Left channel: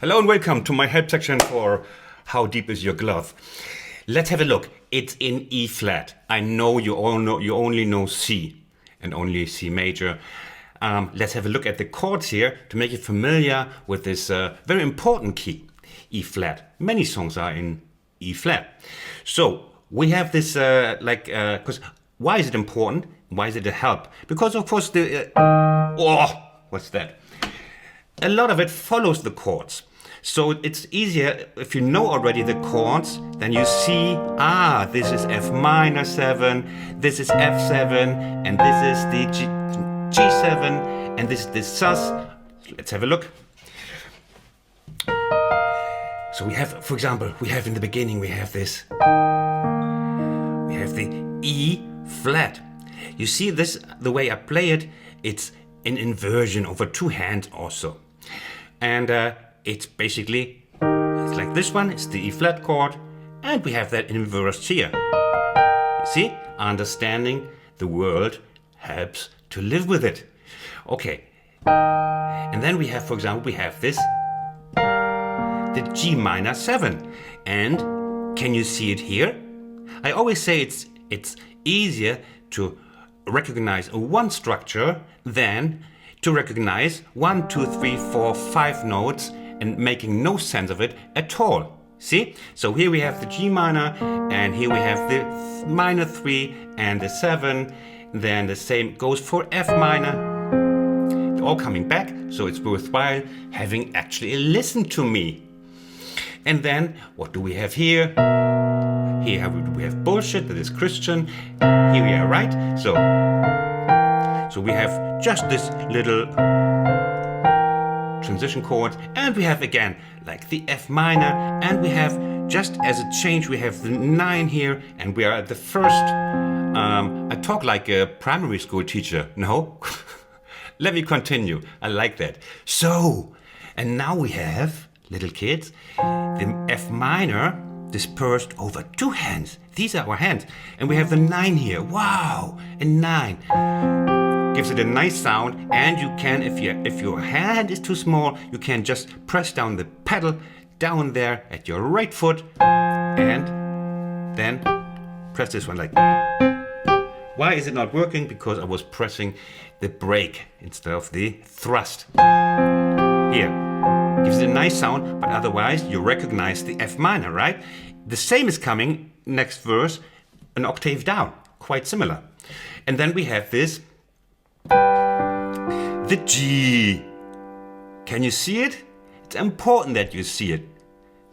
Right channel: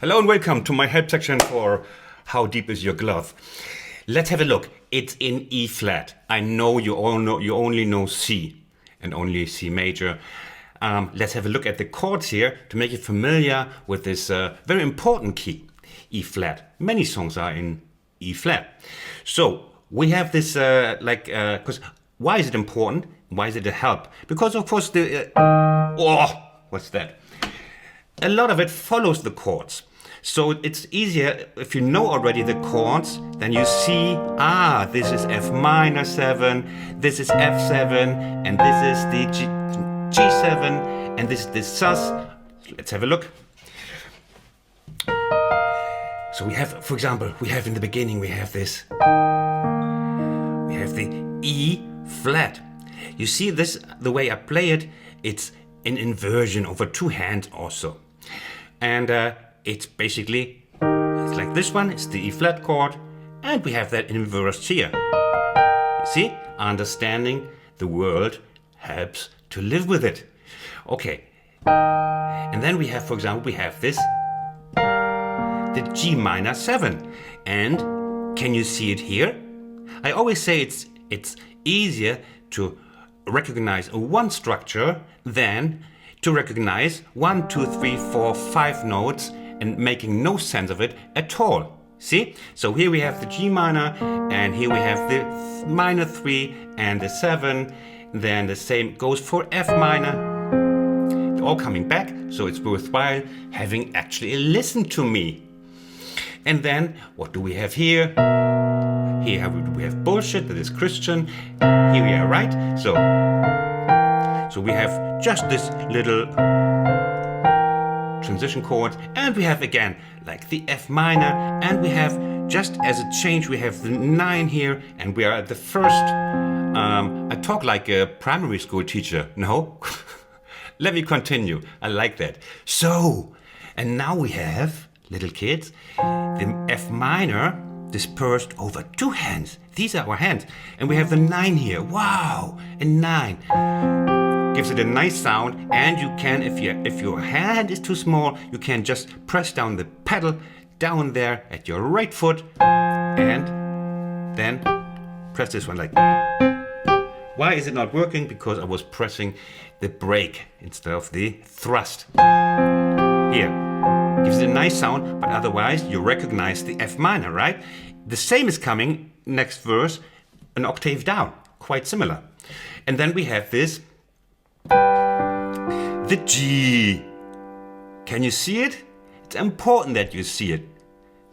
Hello and welcome to my help section for How Deep Is Your Glove? Let's have a look. It's in E flat. I know you only know C and only C major. Let's have a look at the chords here to make you familiar with this very important key, E flat. Many songs are in E flat. So we have this because why is it important? Why is it a help? Because of course what's that? A lot of it follows the chords. So it's easier if you know already the chords, then you see, this is F minor 7, this is F7, and this is the G7, and this is the sus. Let's have a look. So we have, for example, in the beginning, we have this. We have the E flat. You see this, the way I play it, it's an inversion over two hands also. And it's basically, it's like this one, it's the E flat chord, and we have that inversed here. You see, understanding the world helps to live with it. Okay, and then we have, for example, we have this, the G minor 7. And can you see it here? I always say it's easier to recognize one structure than to recognize 1, 2, 3, 4, 5 notes and making no sense of it at all. See? So here we have the G minor, and here we have the minor 3 and the 7. Then the same goes for F minor. They're all coming back, so it's worthwhile having actually listened to me. And then what do we have here? Here we have bullshit, that is Christian. Here we are, right? So we have just this little transition chord, and we have again like the F minor, and we have, just as a change, we have the 9 here, and we are at the first. I talk like a primary school teacher, no? Let me continue, I like that. So, and now we have, little kids, the F minor dispersed over two hands. These are our hands, and we have the 9 here. Wow, a 9. Gives it a nice sound, and you can, if your hand is too small, you can just press down the pedal down there at your right foot, and then press this one like. Why is it not working? Because I was pressing the brake instead of the thrust. Here, gives it a nice sound, but otherwise you recognize the F minor, right? The same is coming next verse, an octave down, quite similar. And then we have this. The G. Can you see it? It's important that you see it.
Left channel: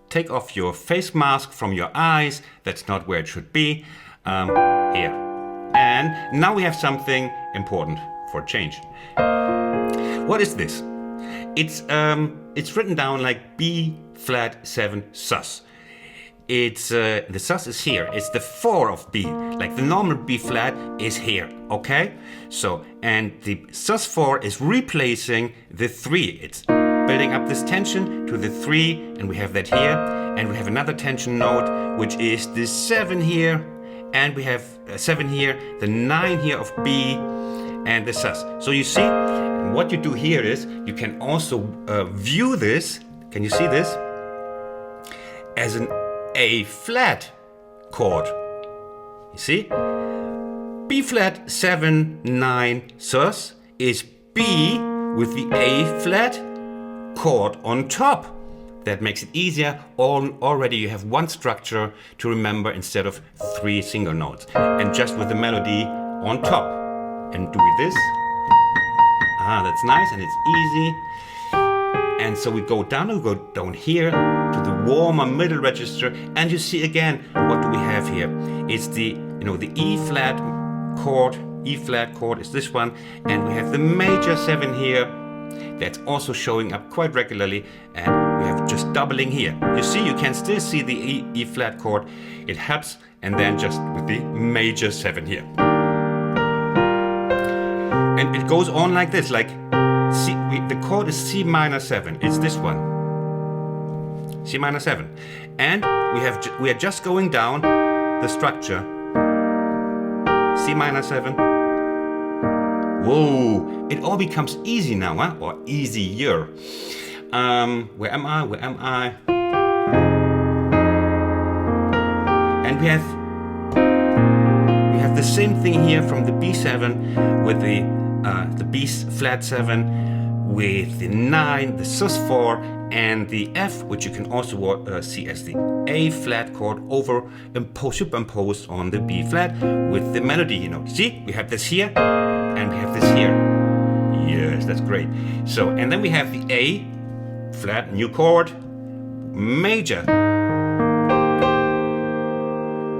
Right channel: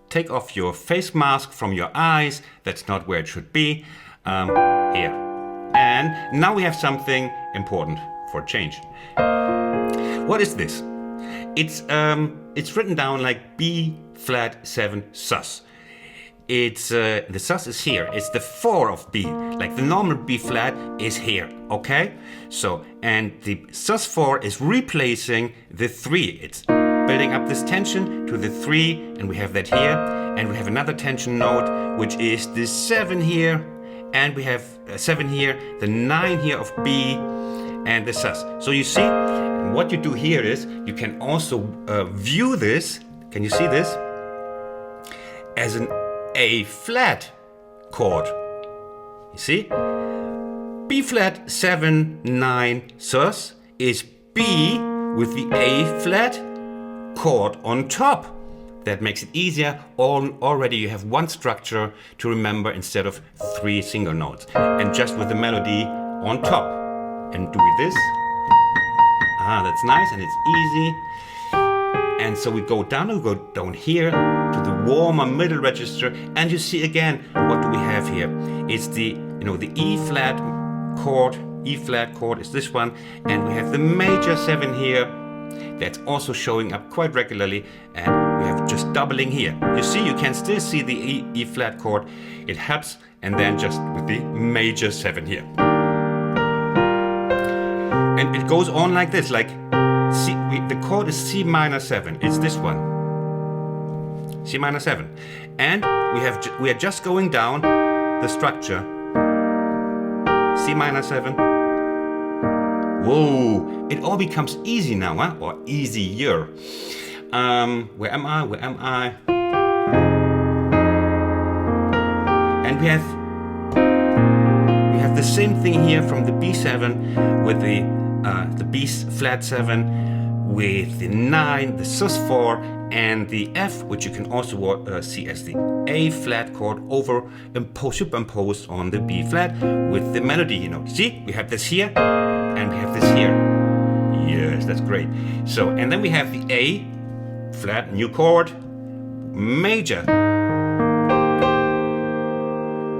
Take off your face mask from your eyes. That's not where it should be. Here. And now we have something important for change. What is this? It's written down like B flat 7 sus. It's the sus is here. It's the 4 of B. Like the normal B flat is here, okay? So, and the sus 4 is replacing the 3. It's building up this tension to the 3, and we have that here. And we have another tension note, which is the 7 here. And we have 7 here, the 9 here of B, and the sus. So you see, what you do here is, you can also view this, can you see this? As an A flat chord. You see? B flat 7, 9 sus is B with the A flat chord on top. That makes it easier. Already you have one structure to remember instead of 3 single notes. And just with the melody on top. And do this. That's nice, and it's easy. And so we go down here to the warmer middle register, and you see again, what do we have here? It's the E flat chord. E flat chord is this one, and we have the major 7 here. That's also showing up quite regularly, and we have just doubling here. You see, you can still see the E flat chord. It helps, and then just with the major 7 here. And it goes on like this, like the chord is C minor 7. It's this one, C minor 7, and we are just going down the structure. C minor 7. Whoa! It all becomes easy now, huh? Or easier. Where am I? Where am I? And we have the same thing here from the B7 with the B flat 7 with the 9, the sus4, and the F, which you can also see as the A flat chord superimposed on the B flat with the melody. See, we have this here and we have this here. Yes, that's great. So, and then we have the A flat, new chord, major.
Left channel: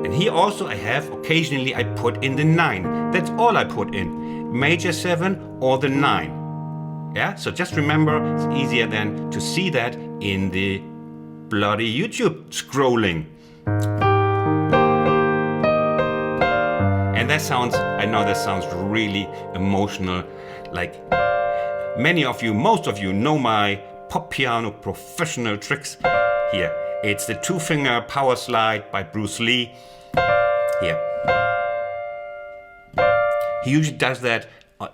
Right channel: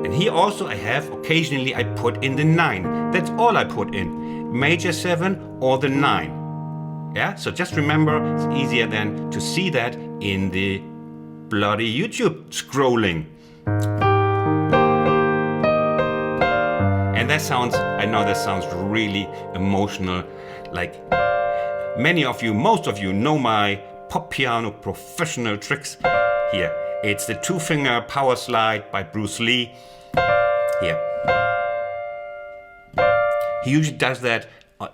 And here also I have, occasionally I put in the 9. That's all I put in. Major 7 or the 9. Yeah, so just remember, it's easier then to see that in the bloody YouTube scrolling. And that sounds, I know that sounds really emotional. Like most of you know my pop piano professional tricks. Here, it's the 2-finger power slide by Bruce Lee. Here. He usually does that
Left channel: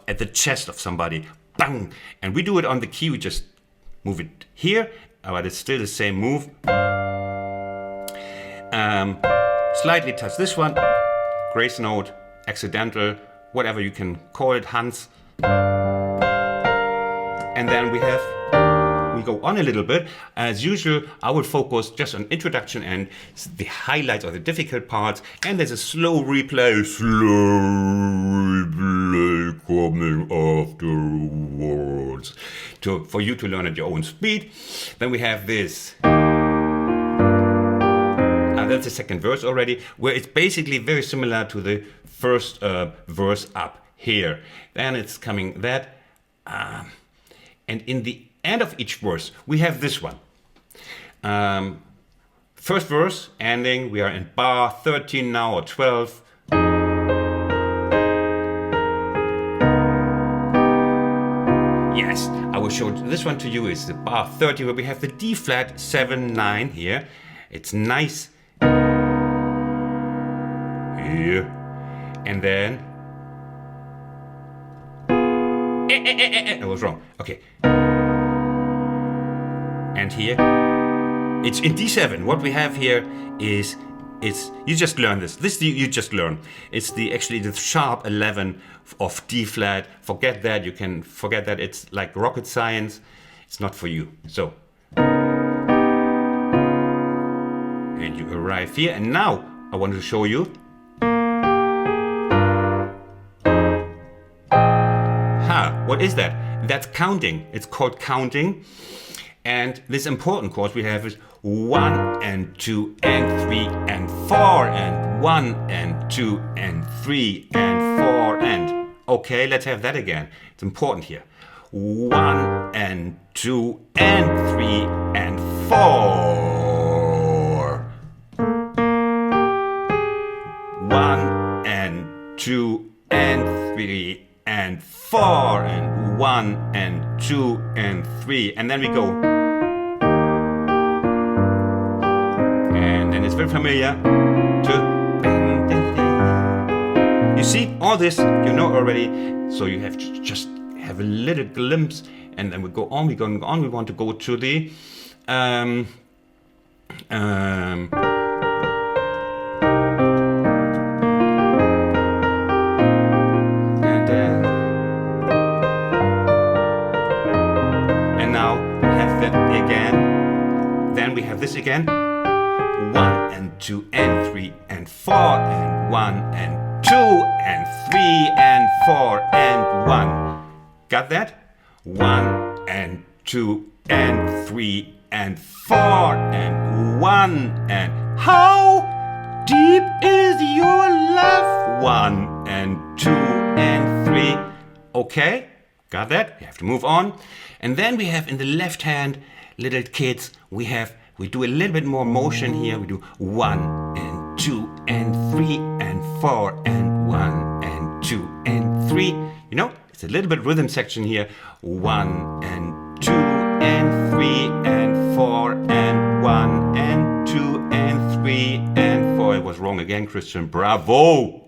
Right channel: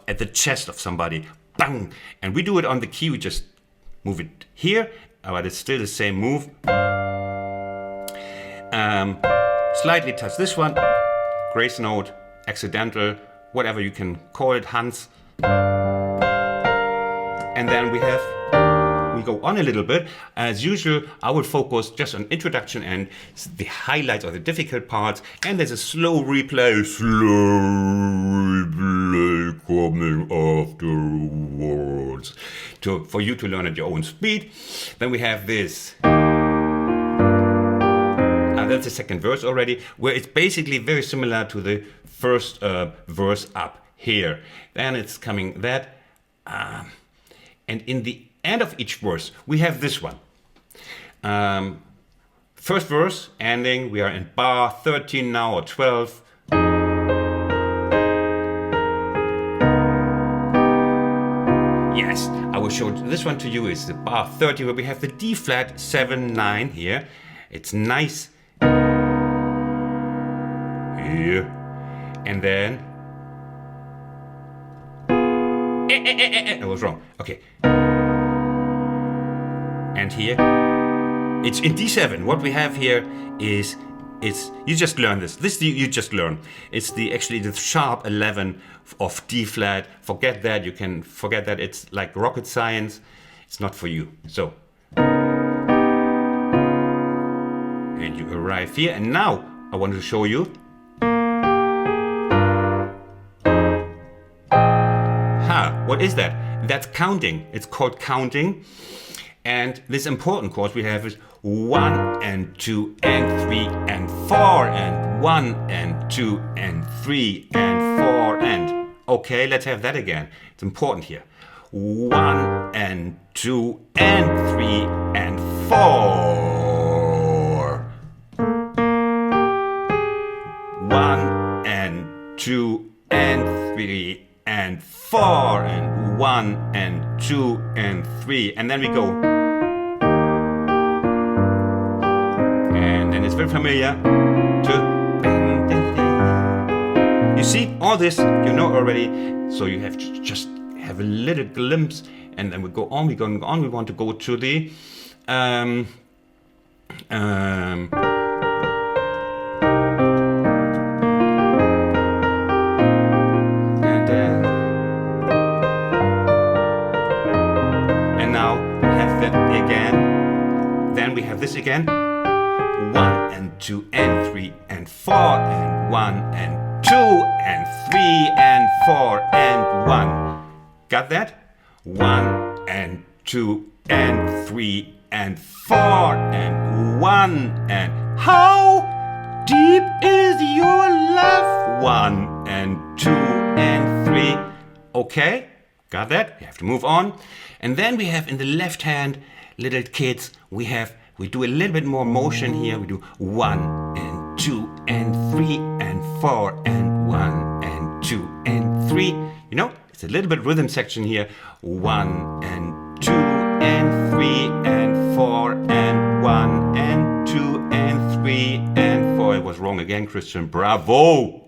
at the chest of somebody. Bang! And we do it on the key, we just move it here, but it's still the same move. Slightly touch this one, grace note, accidental, whatever you can call it, Hans. And then we go on a little bit. As usual, I will focus just on introduction and the highlights or the difficult parts, and there's a slow replay coming afterwards for you to learn at your own speed. Then we have this. That's the second verse already, where it's basically very similar to the first verse up here. Then it's coming that, and in the end of each verse, we have this one. First verse, ending, we are in bar 13 now, or 12. Yes, I will show this one to you. It's the bar 30, where we have the D flat 7, 9 here. It's nice. Here. And then... I was wrong. Okay. And here, it's in D7. What we have here is you just learn this. You just learn. It's actually the sharp 11 of D flat. Forget that. You can forget that. It's like rocket science. It's not for you. So, and you arrive here. And now I want to show you. What is that? That's counting. It's called counting. And this important chords we have is 1 and 2 and 3 and 4 and 1 and 2 and 3 and 4 and... Okay, let's have that again. It's important here. 1 and 2 and 3 and 4. 1 and 2 and 3 and 4 and 1 and 2 and 3, and then we go. And then it's very familiar to... You see, all this you know already, so you have to just have a little glimpse, and then we go on, we want to go to the Then we have this again. 1 and 2 and 3 and 4 and 1 and 2 and 3 and 4 and 1. Got that? 1 and 2 and 3 and 4 and 1 and... How deep is your love? 1 and 2 and 3. Okay, got that? You have to move on. And then we have in the left hand, little kids, we do a little bit more motion here. We do 1 and 2 and 3 and 4 and 1 and 2 and 3. You know, it's a little bit rhythm section here. 1 and 2 and 3 and 4 and 1 and 2 and 3 and 4. I was wrong again, Christian. Bravo!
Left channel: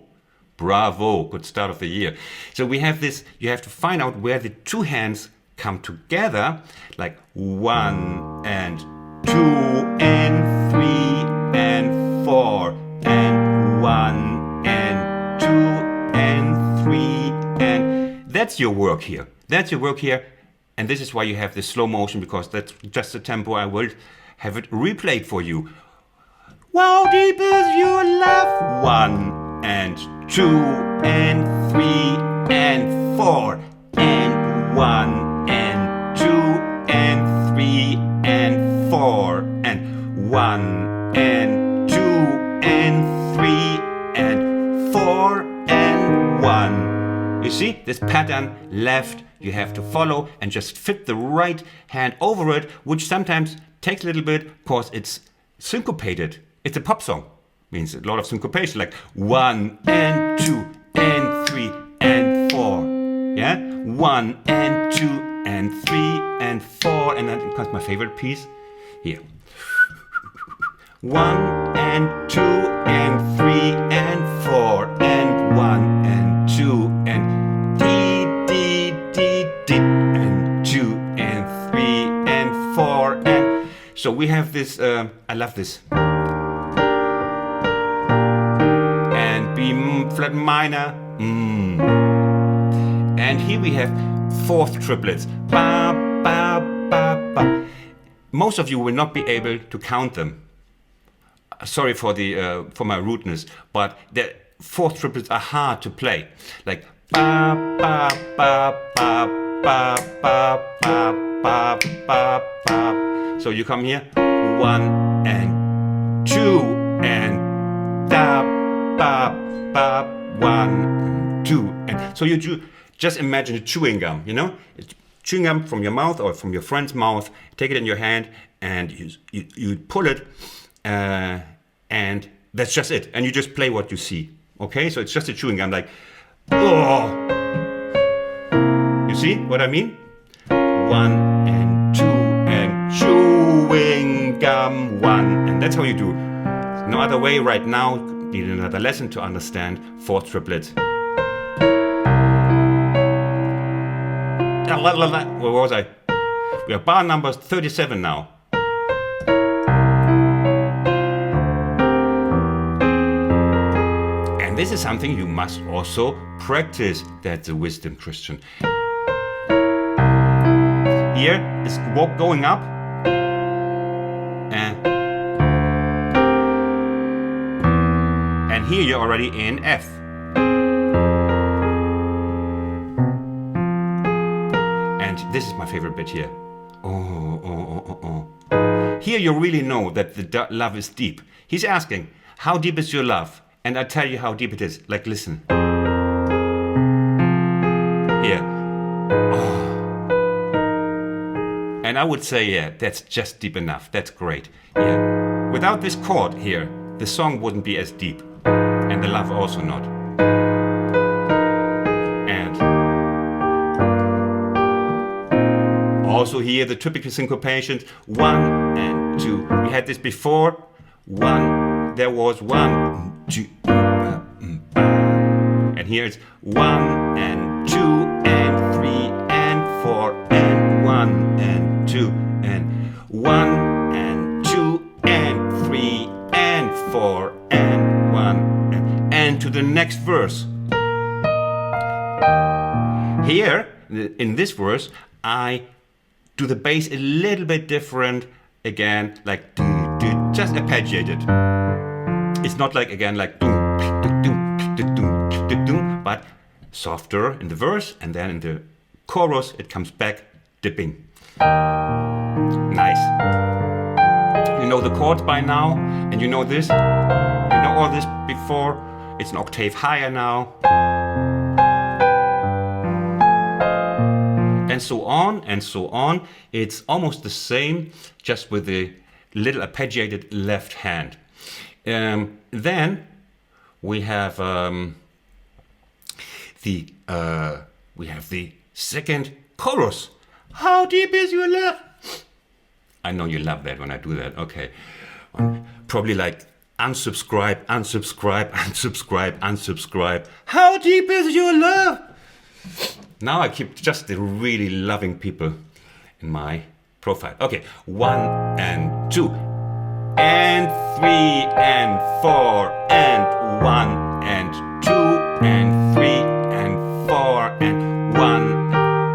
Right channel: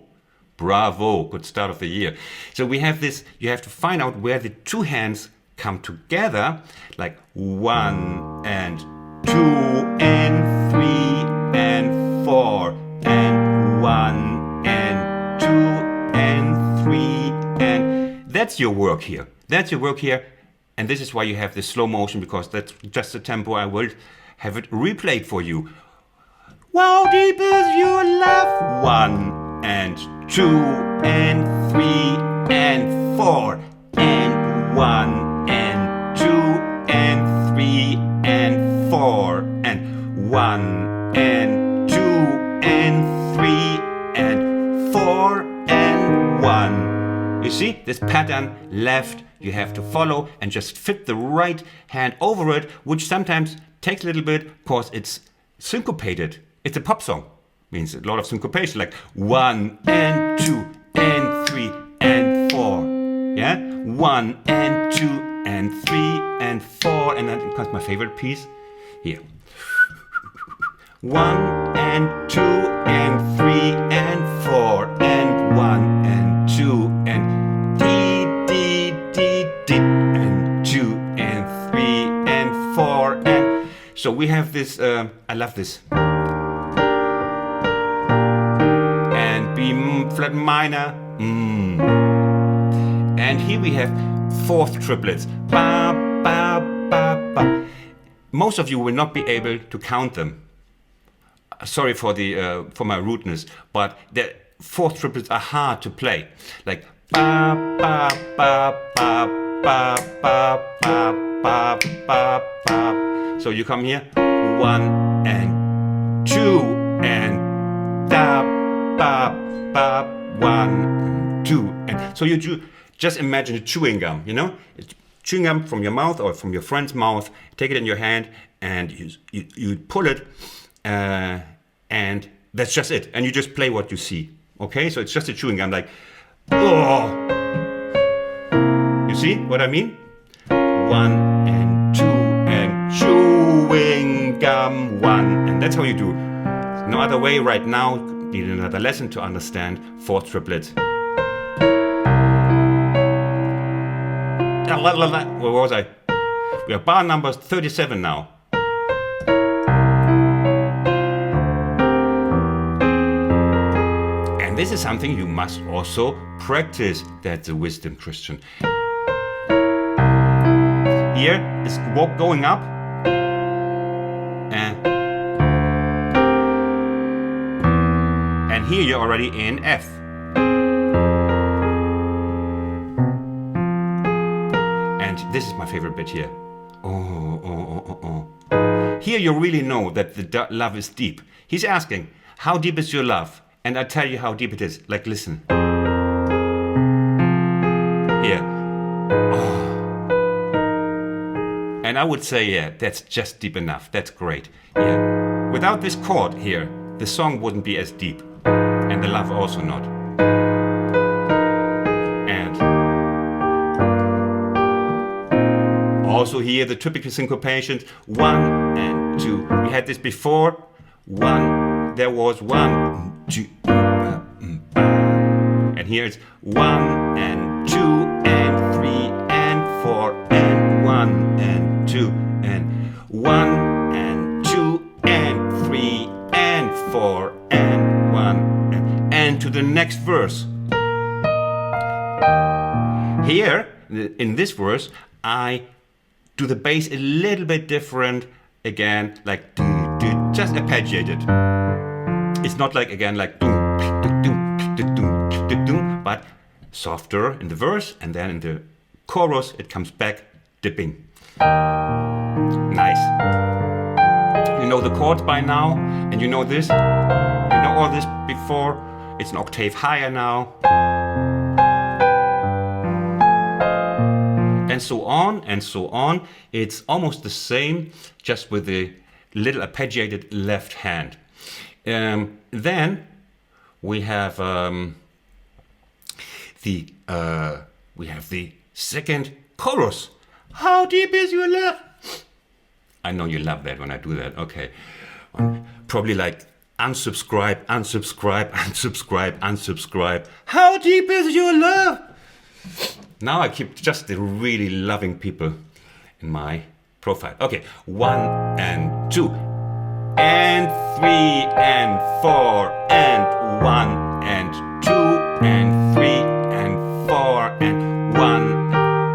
Bravo! Good start of the year. So we have this, you have to find out where the two hands come together like 1 and 2 and 3 and 4 and 1 and 2 and 3 and that's your work here. That's your work here. And this is why you have the slow motion, because that's just the tempo. I will have it replayed for you. How deep is your love? 1 and 2 and 3 and 4 and 1 and 2 and 3 and 4 and 1 and 2 and 3 and 4 and 1. You see this pattern left you have to follow and just fit the right hand over it, which sometimes takes a little bit because it's syncopated. It's a pop song. Means a lot of syncopation, like 1 and 2 and 3 and 4. Yeah? 1 and 2 and 3 and 4. And then comes my favorite piece. Here. 1 and 2 and 3 and 4 and 1 and 2 and D and 2 and 3 and 4 and so we have this. I love this. And B flat minor. And here we have fourth triplets. Ba ba ba ba. Most of you will not be able to count them. Sorry for the for my rudeness, but the fourth triplets are hard to play. Like ba ba ba ba ba ba ba ba ba ba. So you come here, 1 and 2 and da ba ba 1 2 and so you do. Just imagine a chewing gum, you know, chewing gum from your mouth or from your friend's mouth. Take it in your hand and you pull it. And that's just it. And you just play what you see. Okay? So it's just a chewing gum like, oh. You see what I mean? 1 and 2 and chewing gum 1. And that's how you do. There's no other way right now. Need another lesson to understand fourth triplet. Where was I? We are bar number 37 now. And this is something you must also practice. That's a wisdom, Christian. Here is going up. And here you're already in F. And this is my favorite bit here. Here you really know that the love is deep. He's asking, how deep is your love? And I tell you how deep it is. Like, listen. Here. Oh. And I would say, yeah, that's just deep enough. That's great. Yeah. Without this chord here, the song wouldn't be as deep. And the love also not. And also here, the typical syncopations. 1 and 2. We had this before. 1. There was 1. 2, and here it's 1 and 2 and 3 and 4 and 1 and 2 and 1 and 2 and 3 and 4 and 1 and to the next verse. Here in this verse I do the bass a little bit different again, like just arpeggiated. It's not like again like but softer in the verse, and then in the chorus it comes back dipping. Nice. You know the chords by now, and you know this. You know all this before. It's an octave higher now. And so on and so on. It's almost the same, just with the little arpeggiated left hand. Then we have the second chorus. How deep is your love? I know you love that when I do that. Okay, probably like unsubscribe, unsubscribe, unsubscribe, unsubscribe. How deep is your love? Now I keep just the really loving people in my profile. Okay, 1 and 2 and 3 and 4 and 1 and 2 and 3 and 4 and 1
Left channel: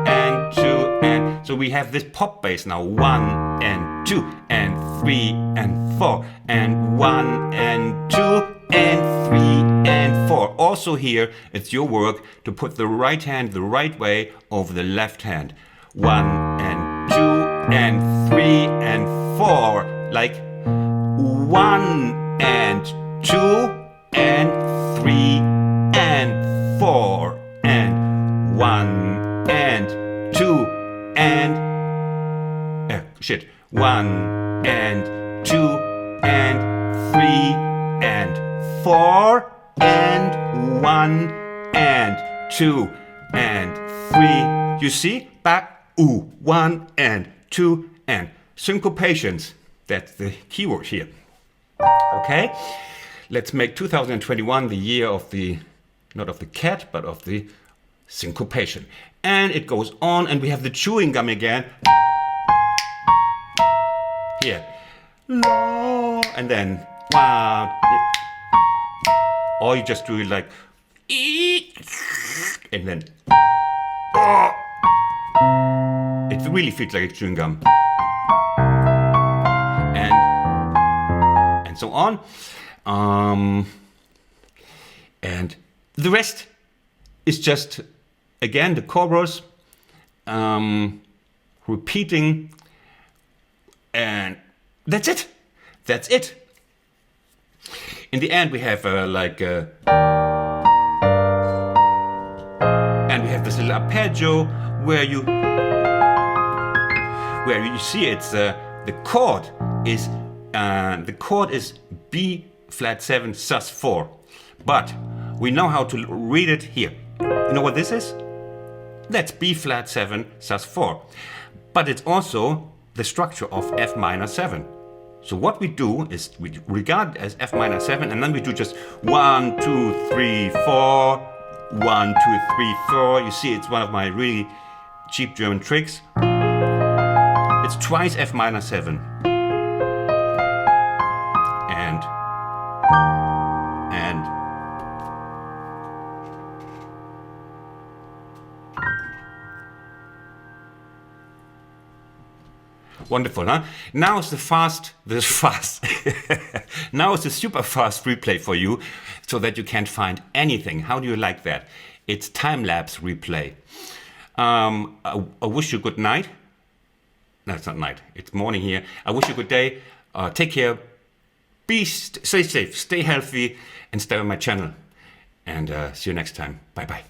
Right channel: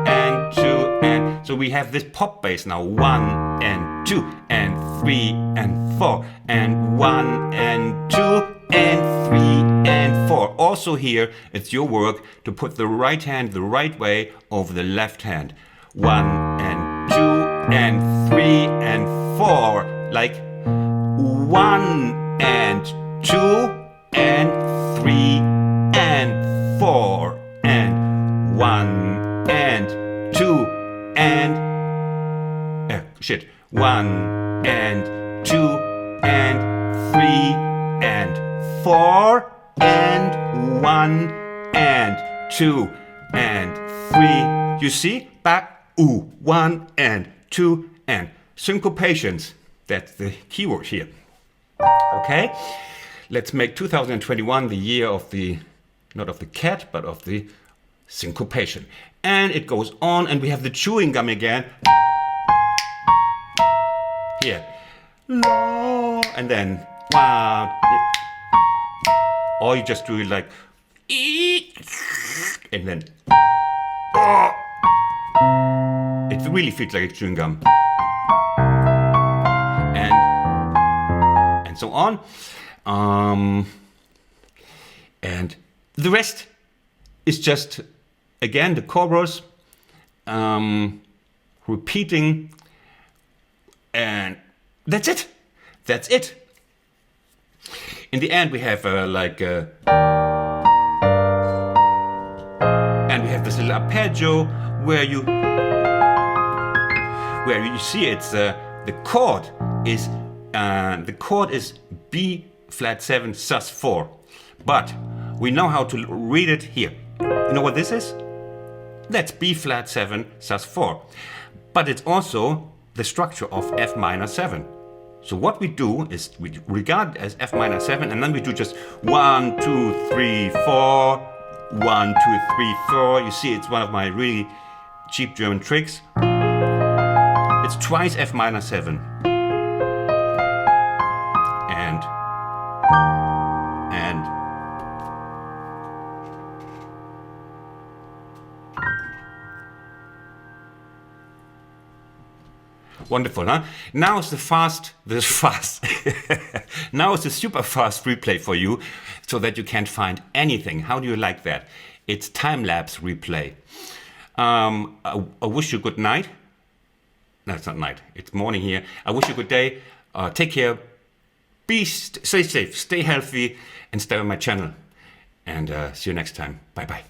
and 2 and so we have this pop bass now. 1 and 2 and 3 and 4 and 1 and 2 and 3 and 4. Also here, it's your work to put the right hand the right way over the left hand. 1 and 2 and 3 and 4. Like 1 and 2 and 3 and 4 and 1 and 2 and 1 and 2 and 3 and 4 and 1 and 2 and 3. You see? Back, 1 and 2 and syncopations. That's the keyword here. Okay? Let's make 2021 the year of the, not of the cat, but of the syncopation. And it goes on, and we have the chewing gum again. Here. And then, or you just do it like, and then, it really feels like a chewing gum. And so on. And the rest is just, again, the chorus, repeating, and that's it. That's it. In the end, we have and we have this little arpeggio where you see it's the chord is B flat 7 sus 4, but we know how to read it here. You know what this is? That's B flat 7 sus 4, but it's also the structure of F minor 7. So what we do is we regard it as F minor 7, and then we do just 1, 2, 3, 4, 1, 2, 3, 4. You see, it's one of my really cheap German tricks. It's twice F minor 7. And wonderful, huh? Now it's now it's a super fast replay for you, so that you can't find anything. How do you like that? It's time-lapse replay. I wish you good night. No, it's not night. It's morning here. I wish you good day. Take care. Stay safe, stay healthy, and stay on my channel. And see you next time. Bye-bye.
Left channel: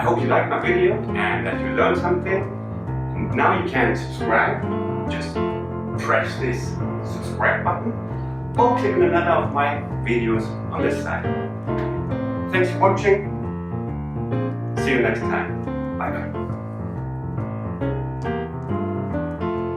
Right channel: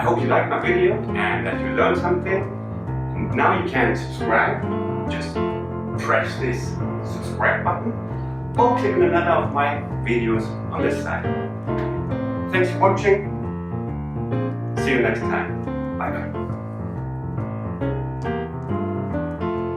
I hope you liked my video and that you learned something. Now you can subscribe. Just press this subscribe button or click on another of my videos on this side. Thanks for watching. See you next time. Bye bye.